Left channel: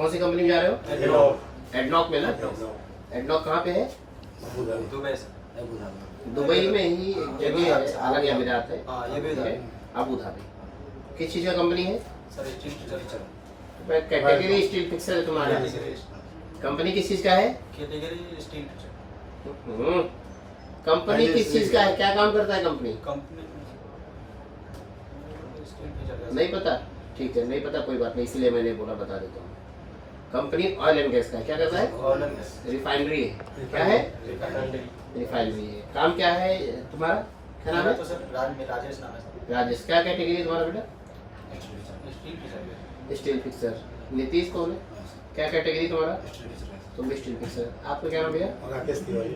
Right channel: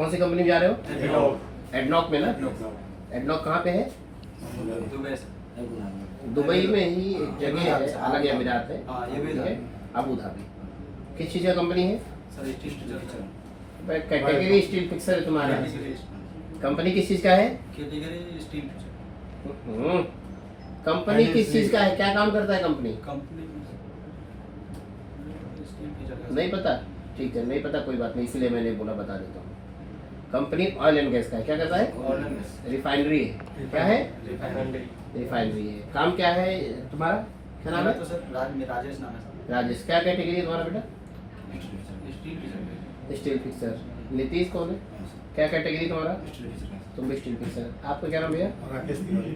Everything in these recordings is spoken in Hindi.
कौन सी कंपनी में जा रहे हो? एडनॉक। एडनॉक में ना? एडनॉक कहाँ पे है? दुबई दुबई में ही एक जगह है, अलग अमीरात है। हाँ, ये भी ठीक है, अबू धाबी। किस चीज़ का कंपनी है? Sir steel category steel fixer है तुम्हारे? कंपनी किस चीज़ का है? कैटेगरी स्टील कंपनी किस चीज़ का है, क्या काम करता है कंपनी? कंपनी नहीं पता? ठीक है, नहीं पता कोई बात नहीं, इसलिए मैंने बोला बता देता हूँ। कंपनी ऑयल एंड गैस का है, क्या करता है? रिफाइनरी है। क्या है? रिफाइनरी है। काम क्या है तुम्हारा, क्या नाम है? तो सर राजेश नाम है सर। राजेश। क्या कैटेगरी है तुम्हारा बेटा? Steel steel fixer. नीतीश कौन है? क्या कैटेगरी तुम्हारा? तुम भी स्टील फिक्सर। आपका क्या नाम भैया?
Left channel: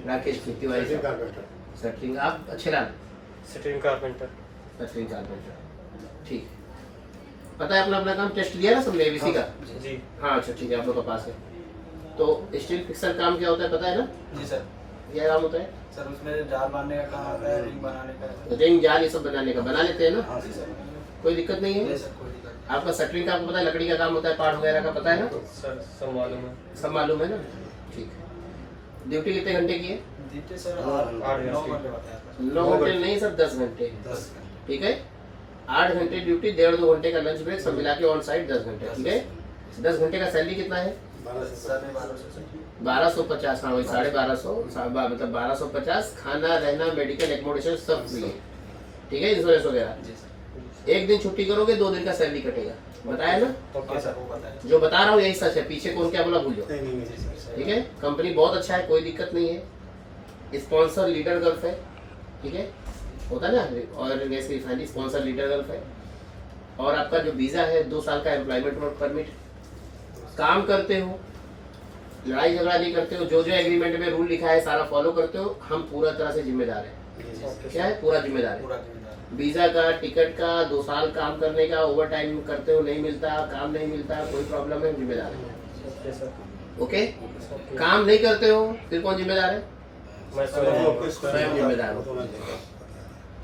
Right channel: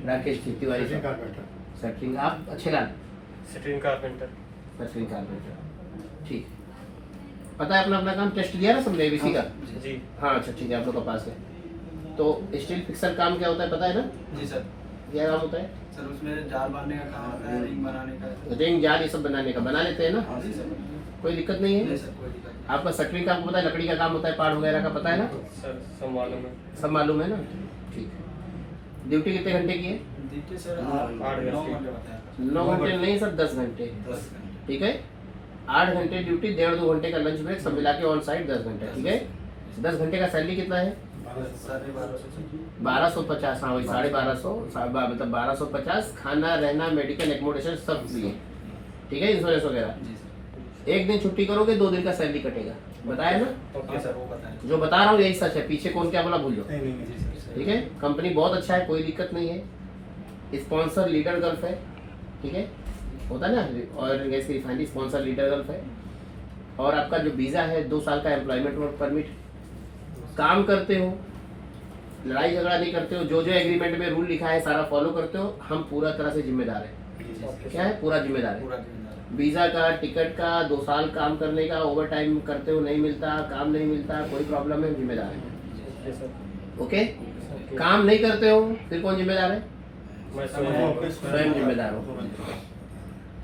राकेश तिवारी। सेटरिंग। आप अच्छे लाल? सेटरिंग कारपेंटर। सेटरिंग कारपेंटर। ठीक है, पता है अपना अपना काम टेस्ट दिया ना सबने एबीसी का? जी हाँ अच्छा ठीक है, आप लोग का पास है। तो स्टील फिक्सर काम क्या होता है पता है ना? जी सर। क्या काम होता है? सर उसमें जाल मारने का काम होता है, रिंग बनाने का। रिंग जाल ये सब बनाने का बना लेते हैं ना? हाँ जी सर। कोई दिक्कत नहीं है? नहीं सर, कोई दिक्कत नहीं। आपका शटरिंग का आपको पता है, लकड़ी का काम होता है, पार्ट वगैरह का पता है ना? सर सब मालूम है। सब मालूम है ना? ठीक है। ड्यूटी कितने घंटे की है? देखिए सर 8 9 घंटे। घंटे होता है। 9 घंटे नहीं सर, 10 घंटे। 10 घंटे। ठीक है, 8 घंटे ड्यूटी, 1.5-2 घंटे का लंच ब्रेक, सब मिला के ऑन साइट 10 घंटे। ठीक है, 10 घंटे का सैलरी कितना है? 1250। हाँ वही 1250, मतलब 1250। खाना रहना मेडिकल एकोमोडेशन सब फ्री है। ठीक है, इंश्योरेंस वगैरह। जी सर। एक दिन छुट्टी करोगे 2 दिन का सैलरी कटेगा, बताया ना? ओके हाँ सर। सर, वो पता है। जो बता रहा हूँ यही सच है, पीछे कौन क्या बोला भूल जाओ। जी सर। ठीक है, कंपनी बहुत अच्छा है, कोई दिक्कत नहीं है। स्पॉन्सर लीडर गल्फ है। ठीक है, होता है ना ऑयल एंड गैस की रिफाइनरी, स्पॉन्सर लीडर गल्फ है। और आपका जो वीज़ा है 2 साल का एम्प्लॉयमेंट वर्क परमिट। काम करते हो, लड़ाई झगड़ा नहीं करते हो, जो जो एग्रीमेंट में रूल लिखा है सारा फॉलो करते हो, हम पूरा तरह से जिम्मेदार हैं। क्या है? पूरा जिम्मेदार है। पूरा जिम्मेदार। वीज़ा का, टिकट का, 2 साल काम करने का, ओवर टाइम करते हो नहीं मिलता, काम नहीं मिलता, कोई प्रॉब्लम है, जिम्मेदार है। Okay sir. ओके, काम नहीं करते हो फिर कौन जिम्मेदार है? मैं स्वयं स्वयं जिम्मेदार हो।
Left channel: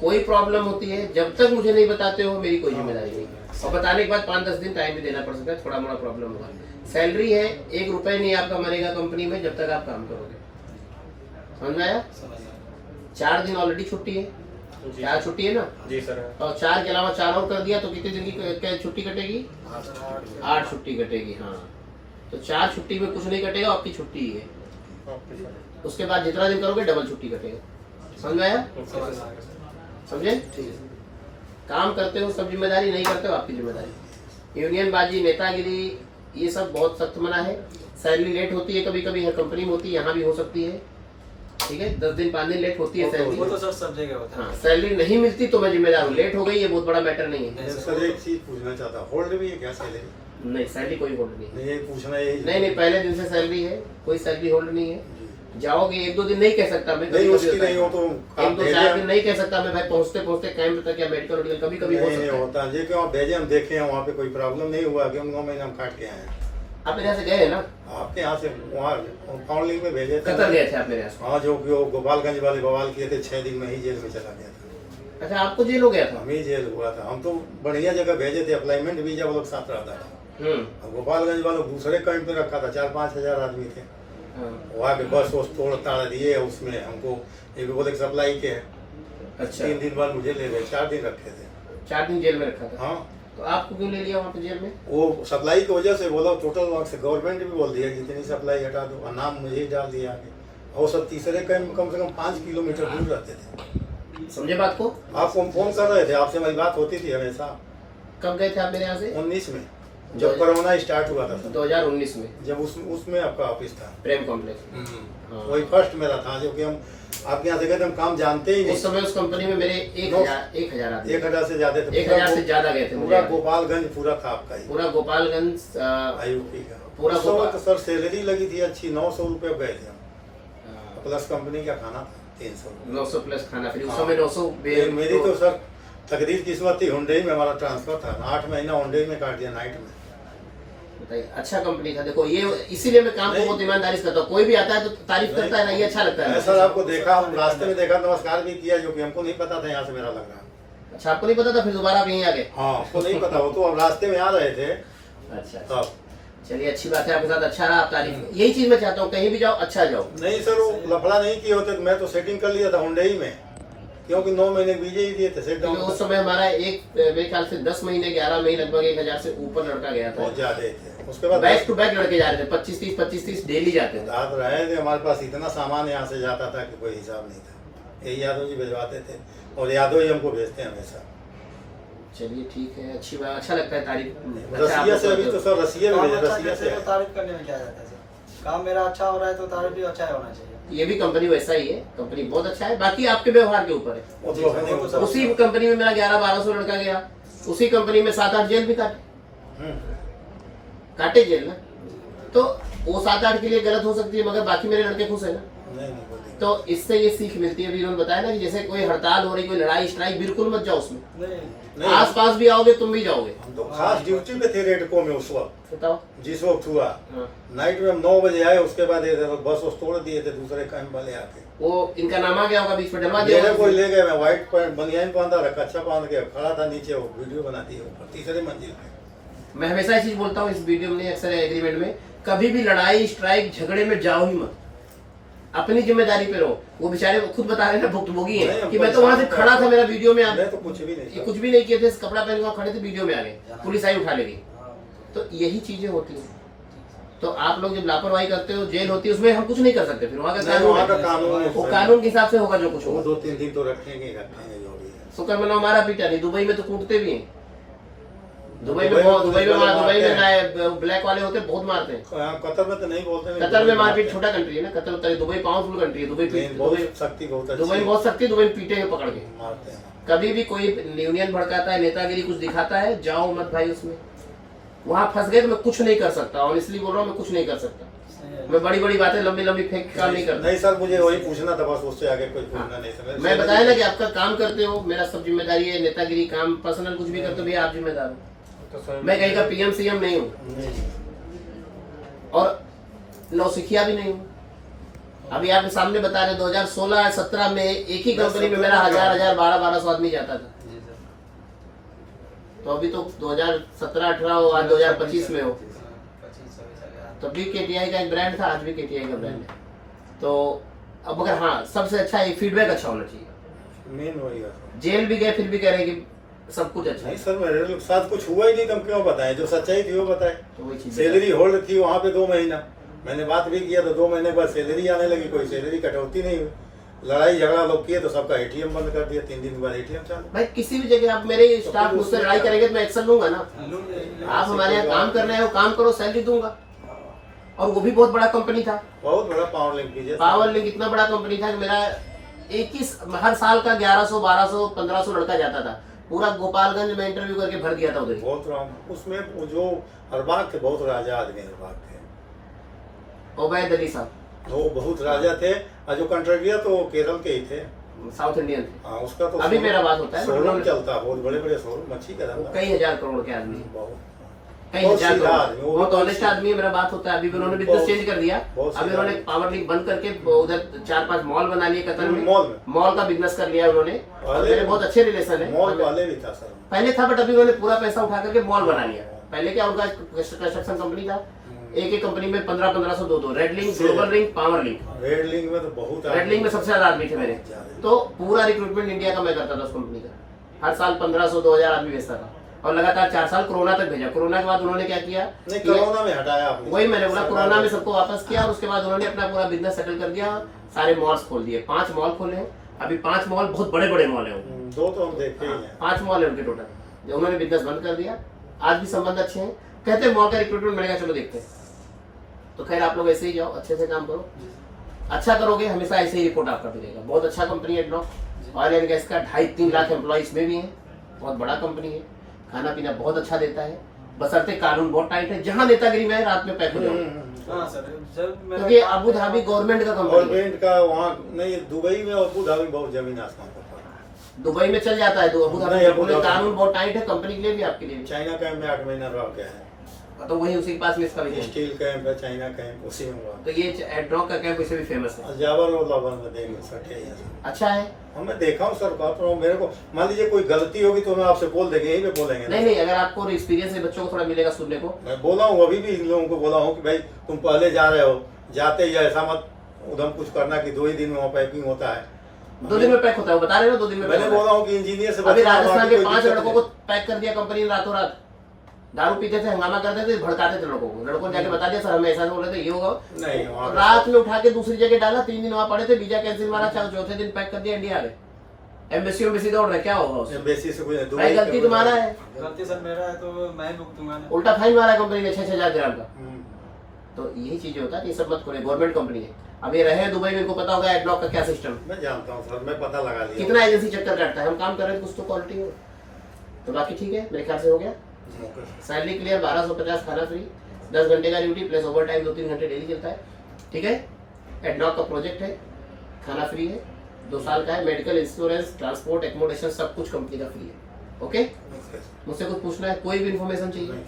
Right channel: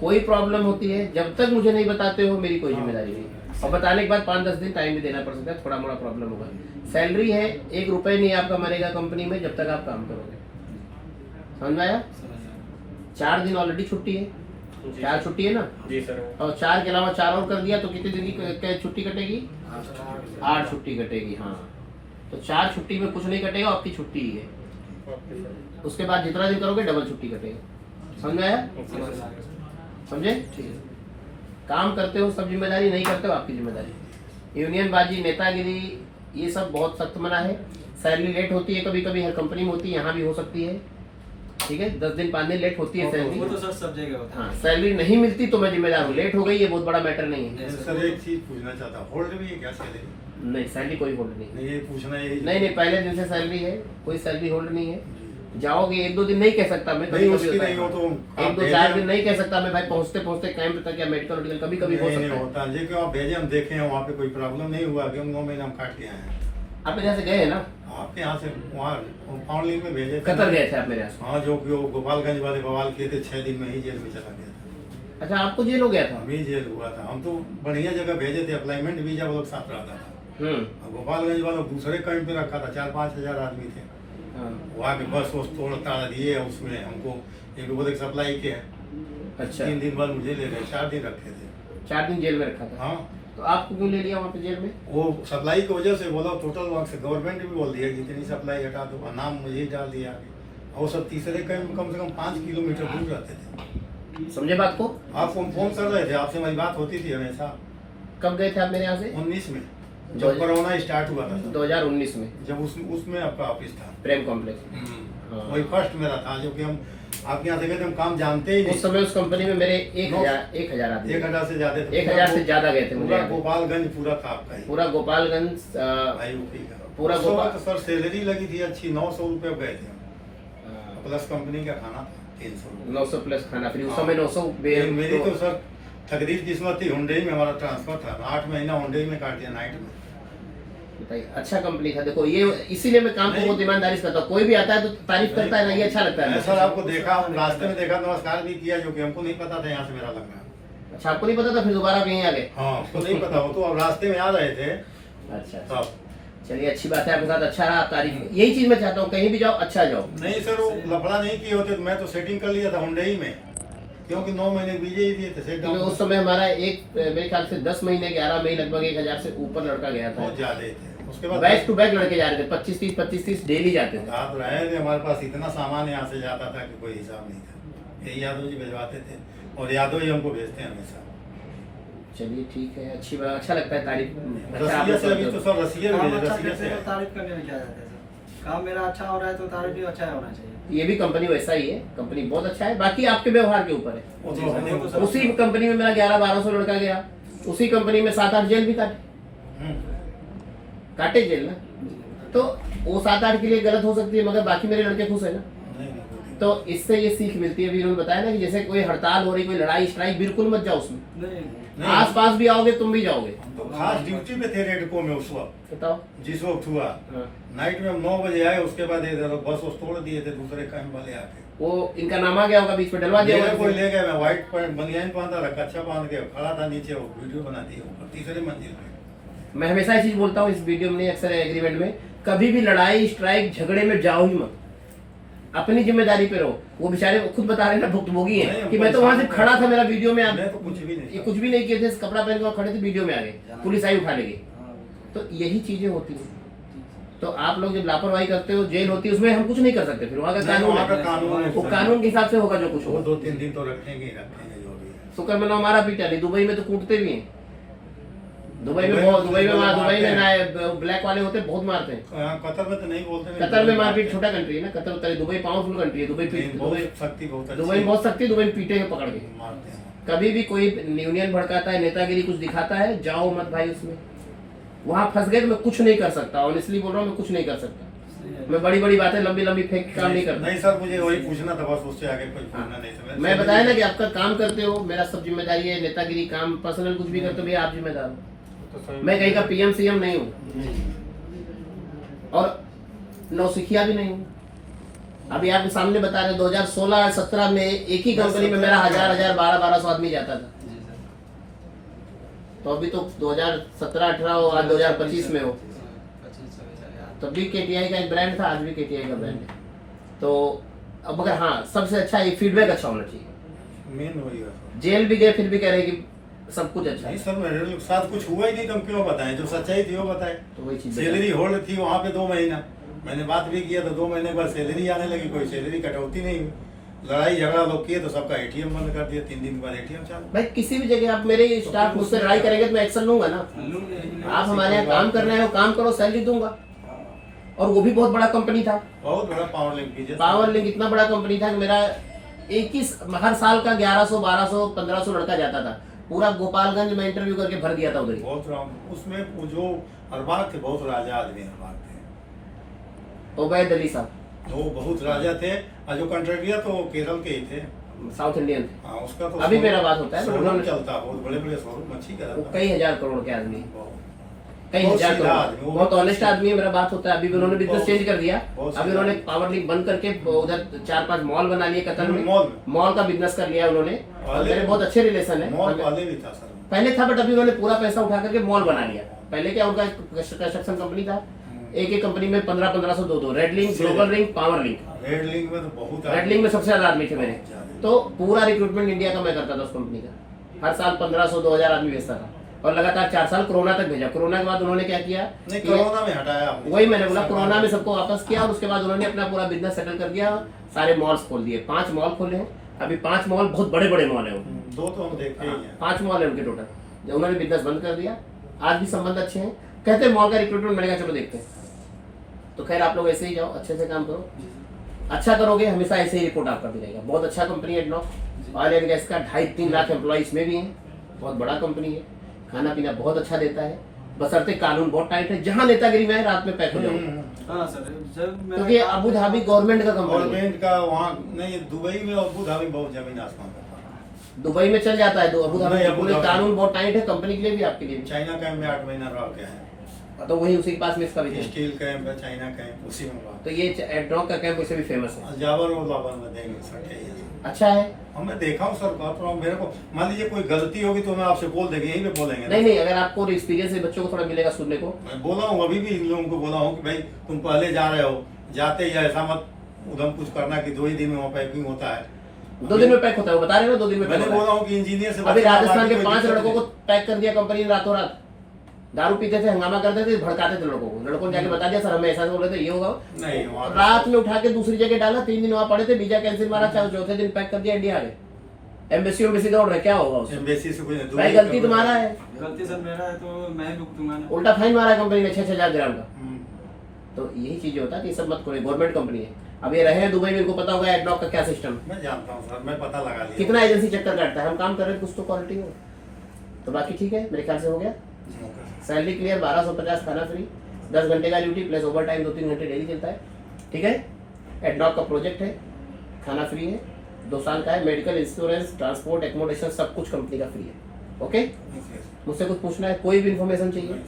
कोई प्रॉब्लम होती है जब तक मुझे नहीं बताते हो मेरी कोई जिम्मेदारी नहीं, और बताने के बाद 5-10 दिन टाइम भी देना पड़ सकता है, थोड़ा मोड़ा प्रॉब्लम होगा। सैलरी है, 1 रुपए नहीं आपका मरेगा कंपनी में जब तक आप काम करोगे, समझ में आया? 4 दिन ऑलरेडी छुट्टी है, जी 4 छुट्टी है ना? जी सर। और 4 के अलावा 4 और कर दिया तो कितने दिन की छुट्टी कटेगी? हाँ सर, 8 छुट्टी कटेगी। हाँ, तो 4 छुट्टी में कुछ नहीं कटेगा, आपकी छुट्टी ही है। Okay sir. उसके बाद जितना दिन करोगे डबल छुट्टी कटेगा, समझ में आया? Okay sir. समझे? ठीक है। काम करते हो सब जिम्मेदारी, नहीं करते हो आपकी जिम्मेदारी। यूनियन बाजी, नेतागिरी, ये सब बहुत सख्त मना है। सैलरी लेट होती है कभी कभी, हर कंपनी में होती है, यहाँ भी हो सकती है। ठीक है, 10 दिन 5 दिन लेट होती है वो सैलरी। तो सर सब जगह होता है। हाँ, सैलरी नहीं मिलती तो मैं जिम्मेदार हूँ, लेट हो गई ये बहुत बड़ा मैटर नहीं है। सर एक चीज पूछना चाहता हूँ, होल्ड में ये क्या सैलरी? नहीं, सैलरी कोई होल्ड नहीं है। नहीं, ये पूछना यही। नहीं, पहले दिन से सैलरी है, कोई सैलरी होल्ड नहीं है। जाओगे 1-2 दिन नहीं कह सकता मैं, नहीं, कभी उसकी होता है। नहीं हो तो 1-2-4 दिन नहीं कह सकता मैं भाई, पहुँचते पहुँचते कैंप तक या मेडिकल वेडिकल कभी कभी हो नहीं सकता है। होता, ये क्यों आप भेजे, हम देखे हैं वहाँ पे कोई प्रॉब्लम नहीं हुआ कि हम 9 महीने हम काट के आए हैं। आप मेरे यहाँ से गए हैं ना? आपके यहाँ से वहाँ फाउंडलिंग में भेजे थे। कतर गए थे आप मेरे यहाँ से? हाँ, जो कि वो गोपालगंज वाले बवाल किए थे, 6 दिन में ही जेल में चला गया था। अच्छा, आपको जेल हो गया था? हमें जेल हुआ था, हम तो बढ़िया जगह भेजे थे, अप्लाइमेंट वीजा वो लोग साथ रहता था। और गोपालगंज वालों दूसरे कैंप पे रखा था, 4-5 हजार आदमी थे हाँ। वहाँ के। बस वो तोड़ ताड़ दिए उसमें हमको, एक बोले सप्लाई के हैं। अच्छा, 3 दिन बाद मुझे ले गए, 4 दिन रखे थे। 4 दिन जेल में रखा था। हाँ, तो आपको क्यों ले लिया वहाँ पे जेल में? वो सप्लाई की वजह से बोला, टोटल वहाँ से गवर्नमेंट भी बोल दिया जितनी सप्लाई हटा दो, और नाम मुझे ही डाल दिया आगे। और सब तीसरे कैंप में कम से कम 5 किलोमीटर दूर रहते थे। समझे बात को? आप फोन कर रहे थे, आपसे मेरी बात होती थी हमेशा। कब गए थे आप मेरे यहाँ से? 19 में जब कोरोना स्टार्ट हुआ था, 2019 में, जब उसमें आपका ऑफिस था। प्रेम कॉम्प्लेक्स। हाँ। वही फर्स्ट मेरा था, जो कि हम आपके यहाँ से गए थे, हम काम जानते ही उस नहीं। समय उस कंपनी में मेरे 1000 आदमी, 1000 से ज्यादा थे। 1000 से ज्यादा गए थे मुझे। पूरा गोपालगंज पूरा था आपका ही, पूरा गोपालगंज आईयूपी का पूरा उस समय गोपाल। तो सर सैलरी लगी थी अच्छी, 900 रुपये गए थे हम। प्लस कंपनी का खाना था 300 रुपये। 900 प्लस खाना फ्री, उस समय 900। मेरी तो सर तकदीर किस्मत थी, हुंडई में हमारा ट्रांसफर था, 8 महीना हुंडई में काट दिया नाइट में। बताइए, अच्छा कंपनी था। देखो ये इसीलिए मैं काम को बहुत ईमानदारी से करता हूँ, कोई भी आता है तो तारीफ करता है ना, ये अच्छा लगता है। सर आपको देखा, हम रास्ते में देखा, नमस्कार भी किया, जो कि हमको नहीं पता था यहाँ से मेरा लगना। अच्छा, आपको नहीं पता था, फिर दोबारा आप यहीं आ गए? हाँ, हमको नहीं पता, वो तो हम रास्ते में आ रहे थे अच्छा, तब। चलिए अच्छी बात है, आपके साथ अच्छा रहा, आप तारीफ, यही चीज मैं चाहता हूँ, कहीं भी जाओ अच्छा जाओ। नहीं सर, वो लफड़ा नहीं किए होते तो मैं तो सेटिंग कर लिया था हुंडई में, क्योंकि 9 महीने वीजे ही दिए थे सेट क्योंकि उस समय हमारा मेरे ख्याल से 10 महीने 11 महीने लगभग 1000 से ऊपर लड़का गया था। बहुत ज्यादा थे। उसके बाद बैक टू बैक लड़के जा रहे थे, 25-30 डेली जाते थे। आप रहे थे, हमारे पास इतना सामान यहाँ से जाता था कि कोई हिसाब नहीं था। यही यादव जी भिजवाते थे और यादव जी हमको भेजते हैं हमेशा। चलिए ठीक है, अच्छी बात, अच्छा लगता है तारीफ। रसिया से अभी तो सर रसिया काम भी अच्छा रसिया करते से हो, तारीफ करने में क्या जाता है सर? काम मेरा अच्छा हो रहा है तो तारीफ भी अच्छा होना चाहिए। ये भी कंपनी वैसा ही है, कंपनी बहुत अच्छा है, बाकी आपके व्यवहार के ऊपर है। वो तो अपने उसी कंपनी में मेरा 1100-1200 लड़का गया, उसी कंपनी में 7-8 जेल भी काटे जेल ना, तो वो 7-8 के लिए गलत हो सकती है, मगर बाकी मेरे लड़के खुश है ना। तो इससे ये सीख मिलती है, अभी उन्होंने बताया ना कि जैसे कोई हड़ताल हो रही, कोई लड़ाई स्ट्राइक, बिल्कुल मत जाओ उसमें। नहीं, आस पास भी आओगे तुम भी जाओगे। तो खास ड्यूटी पे थे रेडको में उस वक्त, बताओ। जिस वक्त हुआ हाँ। नाइट में हम 9 बजे आए, उसके बाद बस उस तोड़ दिए थे दूसरे कैंप वाले आके। वो इनका नाम आ गया होगा, बीच में डलवा दिया मेरे होगा कोई किसी ने। ले गए, मैं व्हाइट पैंट बनियान पहनता था, कच्चा पहन के खड़ा था नीचे, वो वीडियो बनाती है ऊपर 3रे मंजिल पे। मैं हमेशा ये चीज बोलता हूँ इस वीडियो में, अक्सर एग्रीमेंट में, कभी भी लड़ाई स्ट्राइक झगड़े में जाओ ही मत, अपनी जिम्मेदारी पे रहो। वो बेचारे खुद बता रहे हैं ना, भुक्तभोगी है कि मैं तो वहां से खड़ा था, मेरा वीडियो में मैं तो कुछ भी नहीं ये कुछ भी नहीं किए थे, कपड़ा पहन के वहाँ खड़े थे, वीडियो में आ गए, पुलिस आई उठा लेगी। तो यही चीजें होती हैं। तो आप लोग जब लापरवाही करते हो, जेल होती है, उसमें हम कुछ नहीं कर सकते, फिर वहाँ का कानून वहाँ का है, कानून वो कानून के हिसाब से होगा जो कुछ वो होगा। 2-3 दिन तो रखेंगे ही रखेंगे जो भी है। शुक्र मना हमारा पीटा नहीं, दुबई में तो कूटते भी हैं। दुबई में ब्लैक वाले होते हैं, बहुत मारते हैं। कतर में तो नहीं बोलते, कतर में मारपीट, छोटा कंट्री है ना कतर, होता है दुबई पावरफुल कंट्री है, दुबई शक्ति बहुत दुबई में बहुत सख्ती, दुबई में पीटेंगे पकड़ के। मारते हैं। कभी भी कोई यूनियन भड़काता है, नेतागिरी कुछ दिखाता है, जाओ मत भाई उसमें। वहां फंस गए तो मैं कुछ नहीं कर सकता, ऑनेस्टली बोल रहा हूँ, मैं कुछ नहीं कर सकता। मैं बड़ी बड़ी बातें लंबी लंबी फेंक के काम नहीं करता। नहीं सर, मुझे वही पूछना था बस, उससे आगे कुछ पूछना नहीं सर। मैं बताया ना कि आपका काम करते हो, मेरा सब जिम्मेदारी है, नेतागिरी काम पर्सनल कुछ भी करते हो भैया आप जिम्मेदार हो। मैं कहीं का PM CM नहीं हूँ और नौसिखिया भी नहीं हूँ। अभी आप सामने बता रहे 2016-17 में एक ही कंपनी में मेरा 1000 1200 आदमी जाता था। तो अभी तो 2017-18 हो, आज 2025 में हो, तो भी KTI का एक ब्रांड था, आज भी KTI का ब्रांड है। तो अब मगर हाँ, सबसे अच्छा ये फीडबैक अच्छा होना चाहिए। मेन वही है। जेल भी गए फिर भी कह रहे कि सब कुछ अच्छा नहीं है। सर, मेरे साथ कुछ हुआ ही नहीं तो हम क्यों बताएं, जो सच्चाई थी वो बताएं। तो वही चीज सैलरी होल्ड थी वहाँ पे 2 महीना, मैंने बात भी किया तो 2 महीने के बाद सैलरी आने लगी, कोई सैलरी कटौती नहीं हुई। लड़ाई झगड़ा लोग किए तो सबका ATM बंद कर दिया, 3 दिन बाद ATM चालू। भाई किसी भी जगह आप मेरे स्टाफ मुझसे लड़ाई करेंगे तो मैं एक्शन लूंगा ना। आप हमारे यहाँ काम करने आए हो, काम करो, सैलरी दूंगा। और वो भी बहुत बड़ा कंपनी था, बहुत बड़ा पावर लिंक कीजिए। पावर लिंक इतना बड़ा कंपनी था कि मेरा हर साल का 1100 1200 1500 लड़का जाता था। पूरा गोपालगंज में इंटरव्यू करके भर दिया था उधर ही। बहुत उसमें वो जो अरबाज थे, बहुत राजा आदमी अरबाज थे। ओबैद अली साहब वो बहुत राजा थे, और जो कंट्रेक्टर तो केरल के ही थे, साउथ इंडियन थे। हाँ उसका तो अभी मेरा बात होता है, शोरूम चलता, बहुत बड़े बड़े शोरूम मच्छी का वो धंधा। कई हजार करोड़ के आदमी, बहुत कई बहुत हजार सीधा करोड़, आदमी, वो बहुत ऑनेस्ट आदमी है। मेरा बात होता है, अभी भी उन्होंने बिजनेस बहुत- चेंज कर दिया। बहुत अभी सीधा। उन्होंने पावर लिंक बंद करके उधर 4-5 मॉल बना लिए कतर में, मॉल में। मॉल का बिजनेस कर लिया उन्होंने। और मेरे बहुत अच्छे रिलेशन है, मॉल वाले भी था सर। पहले था, बट अभी उन्होंने पूरा पैसा उठा करके मॉल बना लिया। पहले क्या उनका कंस्ट्रक्शन कंपनी था, एक कंपनी में 1500 2 red link, global link, power link. Red link में तो बहुत रेड लिंक में सबसे ज्यादा आदमी थे मेरे। तो पूरा रिक्रूटमेंट इंडिया का मैं करता था उस कंपनी का। हर साल 1500 2000 आदमी भेजता था और लगातार 4 साल कोरोना तक भेजा। कोरोना के बाद उन्होंने क्या किया, नहीं, कोरोना में हटाया आपने। वही मैंने बोला, कोरोना में सबको वापस किया और उसके बाद उन्होंने अपना पूरा बिजनेस सेटल कर दिया। सारे मॉल्स खोल दिए, 5 मॉल खोले हैं अभी। 5 मॉल बहुत बड़े बड़े मॉल है, 2 तो हम देखते ही हैं। 5 मॉल है उनके टोटल। उन्होंने बिजनेस बंद कर दिया, आज भी संबंध अच्छे हैं। कहते हैं मॉल का रिक्रूटमेंट मिलेगा, चलो देखते हैं। तो खैर आप लोग ऐसे ही जाओ, अच्छे से काम करो, अच्छा करोगे, हमेशा ऐसे ही रिपोर्ट आपका मिलेगा। बहुत अच्छा कंपनी है एडनॉक। ऑयल एंड गैस का 2.5-3 लाख एम्प्लॉय इसमें भी हैं, बहुत बड़ा कंपनी है। खाना पीना बहुत अच्छा देता है, बशर्ते कानून बहुत टाइट है। जहाँ नेतागिरी में है रात में पैक हो जाओ, हाँ सर, जब मैं क्योंकि अबू धाबी गवर्नमेंट का कंपनी है। गवर्नमेंट का वहाँ नहीं, दुबई में और अबू धाबी बहुत जमीन आसमान का फर्क है। दुबई में चल जाता है, अबू नहीं, धाबी अबू में धाबी- कानून बहुत टाइट है, कंपनी के लिए भी आपके लिए भी। चाइना का मैं 8 महीना रह गया है। तो वही उसी के पास में इसका भी कैंप। स्टील कैंप है, चाइना कैंप, उसी में हुआ। तो ये एडनॉक का कैंप वैसे भी फेमस है, जावर वो लाभन में देंगे सर, अच्छा है। मैं देखा हूँ सर, बात रहा हूँ, मेरे को मान लीजिए कोई गलती होगी तो मैं आपसे बोल देंगे, यहीं पे बोलेंगे ना। नहीं, अगर आपको एक्सपीरियंस है बच्चों को थोड़ा मिलेगा सुनने को। मैं बोला हूँ, अभी भी इन लोगों को बोला हूँ कि भाई तुम पहले जा रहे हो, जाते ही ऐसा मत उधम कुछ करना कि 2 ही दिन में वहाँ पैकिंग होता है। 2 दिन में पैक होता है, वो बता रहे हो 2 दिन में पैक मैंने होता है। बोला हूँ कि इंजीनियर से अभी बचा, राजस्थान बाकी के कोई 5 दिक्कत लड़कों नहीं। को पैक कर दिया कंपनी ने रातों रात। दारू पीते थे, हंगामा करते थे, भड़काते थे लड़कों को। लड़कों ने जाके बता दिया सर हमें ऐसा बोल रहे थे, ये होगा नहीं, वहाँ रात में उठा के दूसरी जगह डाला। 3 दिन वहाँ पड़े थे, वीजा कैंसिल मारा, चौथे दिन पैक कर दिया, इंडिया आ गए। एम्बेसी दौड़ रहे, क्या होगा उससे? बेसिस से कुछ नहीं, भाई गलती तुम्हारा है, गलती सर मेरा है तो मैं ही भुगतूंगा ना। उल्टा फाइन मारा कंपनी ने 6,000 ग्राम का। हम्म। तो यही चीजें होता है कि ये सब मत करो, गवर्नमेंट कंपनी है। अब ये रहे हैं दुबई में, इनको पता होगा एडनॉक का क्या सिस्टम। मैं जानता हूँ सर, मैं पता लगा लिया। कितना एजेंसी चक्कर काटता है, हम काम कर रहे हैं कुछ तो क्वालिटी हो। तो बाकी ठीक है, मेरे ख्याल से हो गया। सैलरी क्लियर, 1250, खाना फ्री, 10 घंटे का ड्यूटी प्लस ओवर टाइम 2-3 घंटे डेली चलता है, ठीक है। एडनॉक का प्रोजेक्ट है, खाना फ्री है, 2 साल का है, मेडिकल इंश्योरेंस, ट्रांसपोर्ट, एकोमोडेशन सब कुछ कंपनी का फ्री है। ओके, मुझसे कुछ पूछना है, कोई भी इन्फॉर्मेशन चाहिए?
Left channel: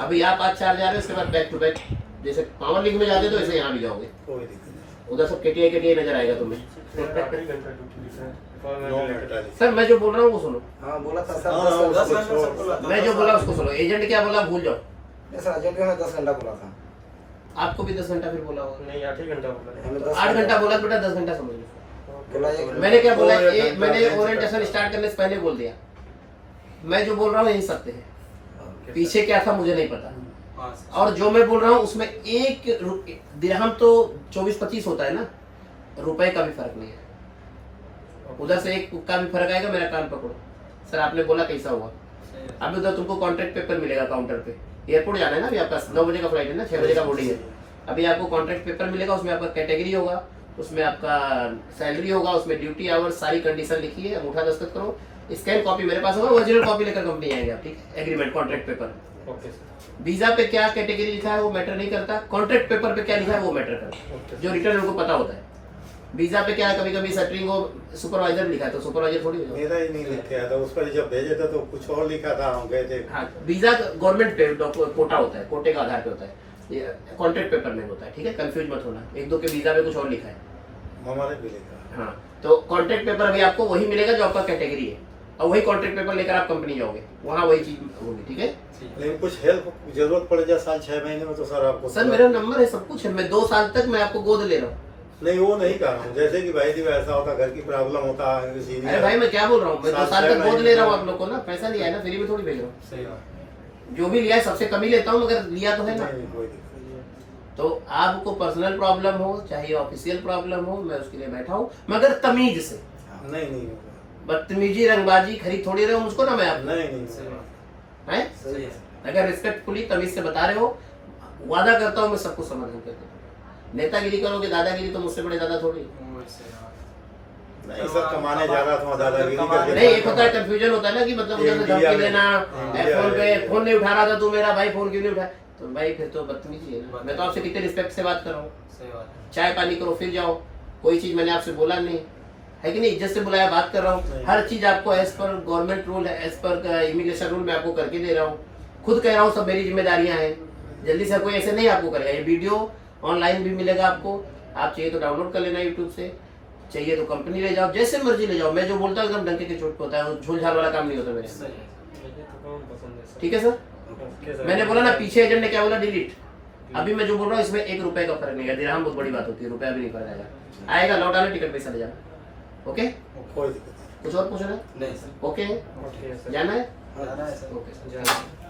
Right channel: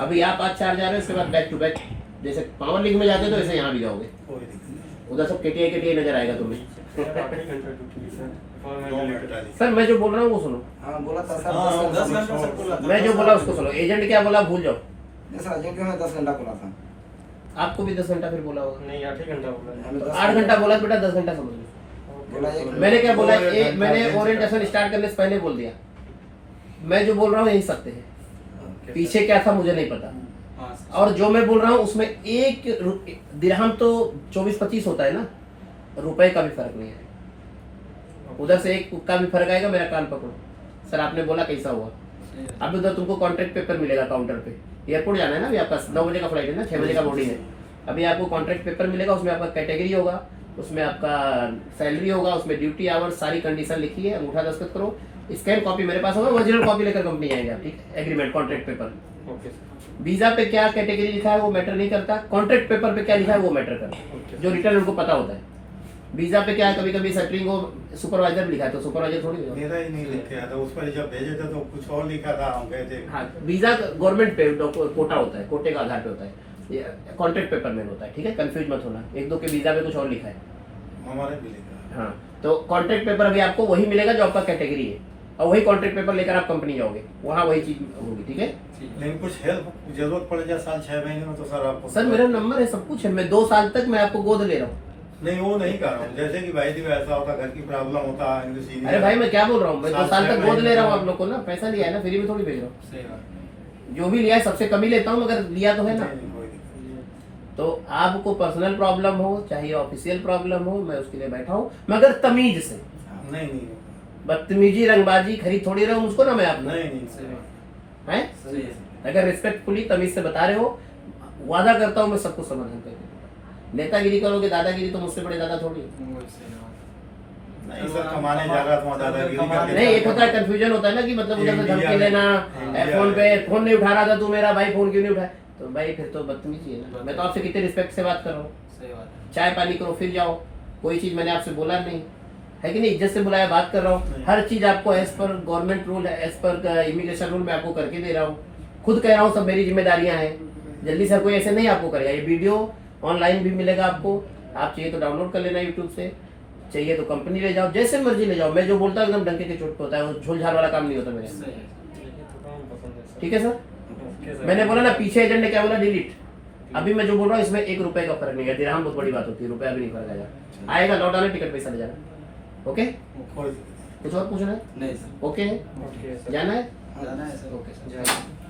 अभी आप आज 4 जा रहे हैं, उसके बाद बैक टू बैक जैसे पावर लिंक में जाते तो वैसे यहाँ भी जाओगे। कोई दिक्कत नहीं। उधर सब केटीआई नजर आएगा तुम्हें। 8 घंटा ड्यूटी सर, और मैं 2 मिनट वाली। सर मैं जो बोल रहा हूँ वो सुनो, हाँ बोला था हाँ, सर 10 घंटे में सबको लाता। मैं जो बोला उसको सुनो। एजेंट क्या बोला भूल जाओ, नहीं सर एजेंट ने 10 घंटा बोला था। आपको भी 10 घंटा फिर बोला होगा। नहीं 8 ही घंटा बोला। हमें 10 8 घंटा बोला तो बेटा 10 घंटा समझ लो। बोला एक मैंने क्या बोला, और एक मैंने घंटा ओरिएंटेशन स्टार्ट करने से पहले बोल दिया। मैं जो बोल रहा हूँ यही सत्य है, पीछे क्या था मुझे नहीं पता। हाँ सर। और जो मैं बोल रहा हूँ उसमें एक दिरहम तो 24-25 होता है ना, रुपए का भी फर्क नहीं है। उधर से एक का भी फर्क आएगा। मेरा कान पकड़ो सर, आपने बोला कैसा हुआ। सही है। अब उधर तुमको कॉन्ट्रैक्ट पेपर मिलेगा काउंटर पे। एयरपोर्ट जाना है ना अभी आपका, 9 बजे का फ्लाइट है ना, 6 बजे का बोर्डिंग है। अभी आपको कॉन्ट्रैक्ट पेपर मिलेगा, उसमें आपका कैटेगरी होगा, उसमें आपका सैलरी होगा, उसमें ड्यूटी आवर्स सारी कंडीशन लिखी है, अंगूठा दस्तखत करो, स्कैन कॉपी मेरे पास होगा, ओरिजिनल कॉपी लेकर कंपनी आएंगे आप, ठीक है। Agreement contract paper. Okay sir. Visa पे क्या कैटेगरी लिखा है वो मैटर नहीं करता, कॉन्ट्रैक्ट पेपर पे क्या लिखा है वो मैटर करता है, ओके। जो रिटर्न उनको पता होता है। वीजा पे क्या है, कभी कभी सेटरिंग हो सुपरवाइजर लिखा है तो सुपरवाइजर थोड़ी होगा। मेरा ही नहीं लिखा था, उस पर जब भेजे थे तो कुछ और लिखा था, हम गए थे। हाँ, वीजा गवर्नमेंट पे कोटा होता है, कोटे का आधार पे होता है, ये कॉन्ट्रैक्ट पेपर में होता है, ठीक है। कंफ्यूज मत होना, 1-2 के वीजा पे कुछ और लिखा है। हमारे भी लिखा। हाँ, तो कॉन्ट्रैक्ट पेपर अभी आपको वही मिलेगा जो आपका कैटेगरी है, और वही कॉन्ट्रैक्ट पेपर लेकर आप कंपनी जाओगे, वहाँ वही चीज होगी, ठीक है। लेकिन कुछ हेल्प जरूरत पड़ जाए 7-6 महीने में तो सर आपको। सर मेरा नंबर है, सब कुछ है, मैं 2 साल तक मैं आपको गोद ले रहा हूँ। नहीं वो नहीं कर रहा हूँ, जैसे कि भाई जी ऐसा होता, घर की प्रॉब्लम होता। अरे भाई मैं क्या बोल रहा हूँ, मैं 2 साल तक गोद ले रहा हूँ आप लोग को ना, पैसा लिया है ना, फ्री में थोड़ी भेज रहा हूँ। सही बात। जो भी लिया है सबसे कम ही लेता हूँ, मगर लिया तो है ना। नहीं, कोई दिक्कत नहीं। तो आपको पर्सनल प्रॉब्लम हो चाहे ऑफिशियल प्रॉब्लम हो, मैं उसके लिए बैठा हूँ, मगर तमीज से। नहीं नहीं होगा। बदतमीजी रंगबाजी खरीद थोड़ी रहे हो मुझको ना मैं आप नहीं नहीं सही बात। है। सही है। अगर रिस्पेक्टफुली तमीज से बता रहे हो, वादा करता हूँ मैं सब कुछ समाधान करके। नेतागिरी करोगे, दादागिरी तो मुझसे बड़े दादा थोड़ी। वही सही बात। नहीं सर, कमाने जा रहा था दादागिरी करके। नहीं, एक होता है कंफ्यूजन होता है ना कि मतलब उधर से इंडिया धमकी में- लेना, इंडिया फोन पे में- फोन नहीं उठा रहा था तू मेरा भाई, फोन क्यों नहीं उठाया, तो भाई फिर तो बदतमीजी है ना। मैं तो आपसे कितने रिस्पेक्ट से बात कर रहा हूँ। सही बात है। चाय पानी करो फिर जाओ, कोई चीज मैंने आपसे बोला नहीं है कि नहीं, इज्जत से बुलाया, बात कर रहा हूँ। नहीं। हर चीज आपको एज पर गवर्नमेंट रूल है, एज पर इमिग्रेशन रूल में आपको करके दे रहा हूँ। खुद कह रहा हूँ सब मेरी जिम्मेदारियां हैं, जल्दी से कोई ऐसे नहीं आपको करेगा। ये वीडियो ऑनलाइन भी मिलेगा आपको, आप चाहिए तो डाउनलोड कर लेना यूट्यूब से, चाहिए तो कंपनी ले जाओ, जैसे मर्जी ले जाओ। मैं जो बोलता हूँ एकदम डंके की चोट पे होता है, वो झोल-झाल वाला काम नहीं होता मेरे। सही है। मुझे तो काम पसंद है सर। ठीक है सर। Okay sir. मैंने बोला ना, पीछे एजेंट ने क्या बोला, डिलीट। अभी मैं जो बोल रहा हूँ इसमें 1 रुपए का फर्क नहीं है, दिरहम बहुत बड़ी बात होती है, रुपया भी नहीं फर्क आएगा। आएगा लौट आना, टिकट पैसा ले जाना। ओके, कोई दिक्कत नहीं। कुछ और पूछना है? नहीं सर। ओके है, ओके सर। जाना है? जाना है सर। Okay sir. जय हिंद।